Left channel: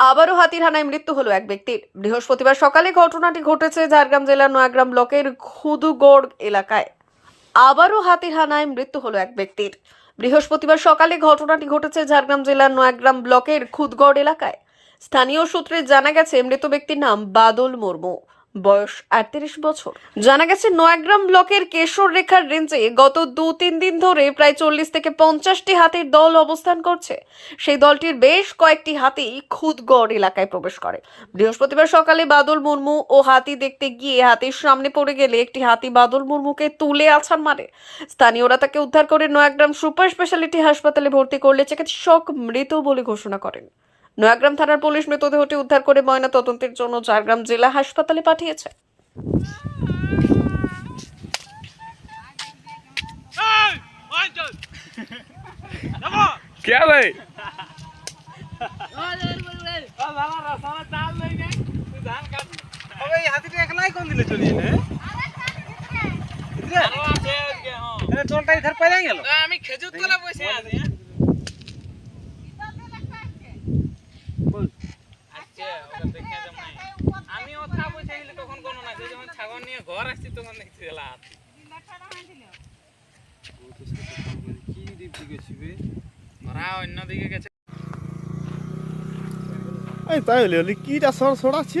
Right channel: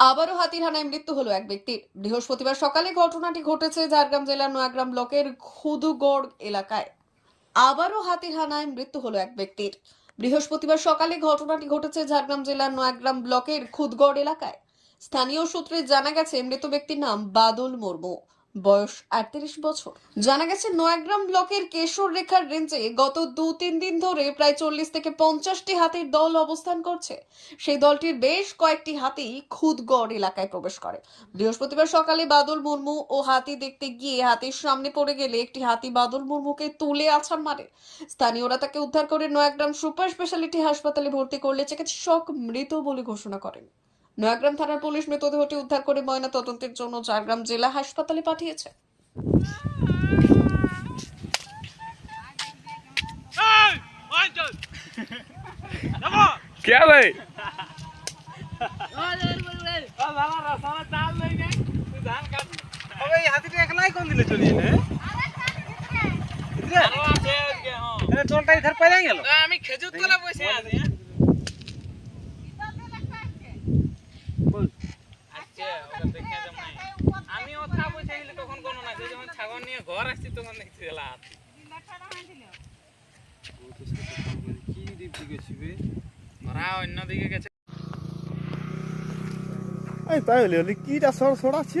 আবারও হাতির হানায় মৃত্যু হলো এক ব্যক্তির। বৃহস্পতিবার সকালে ঘটনাটি ঘটেছে ঝাড়গ্রাম জেলার নয়াগ্রাম ব্লকের খুদুগড় এলাকায়। আবারও হাতির হানায় মৃত্যু হলো এক ব্যক্তির। বৃহস্পতিবার সকালে ঘটনাটি ঘটেছে ঝাড়গ্রাম জেলার নয়াগ্রাম ব্লকের খুদগড় এলাকায়। স্থানীয় সূত্রে জানা গেছে, মৃত ব্যক্তির নাম বাদল মুর্মু। বয়স আটত্রিশ বছর। জানা গেছে, নয়াগ্রাম ব্লকের কেশর রেখার রেঞ্জে গত দু তিন দিন ধরে প্রায় চল্লিশ থেকে পঞ্চাশটি হাতির দল অবস্থান করছে। সেই দলটির বেশ কয়েকটি হাতি খুদগড় এলাকায় প্রবেশ করে। বৃহস্পতিবার সকালে বাদল মুর্মু ও হাতি দেখতে গিয়ে হাতির সামনে পড়ে গেলে একটি হাতি বাদল মুর্মুকে তুলে আছাড় মারে। স্থানীয়রা তাকে উদ্ধার করে নয়াগ্রাম সুপার স্পেশালিটি হাসপাতালে ভর্তি করলে চিকিৎসক মৃত বলে ঘোষণা করেন। নয়াগ্রাম থানার পুলিশ মৃতদেহটি উদ্ধার করে ময়না তদন্তের জন্য ঝাড়গ্রাম জেলা হাসপাতালে পাঠিয়েছে। হ্যাঁ। আমি খেজুর তোলা বসে আছি হ্যাঁ। ওটা দেখে যাম নাই আমি ওথা বসে গেলে তখন কোনো না যখন ছাগল নিয়ে ঘর আসছি তখন দেখছি কি দিক দিকে ছিবে ওরা অন্য দিকে গেছে। এই তাই হলে কি কিটা সর সরাচ্ছে?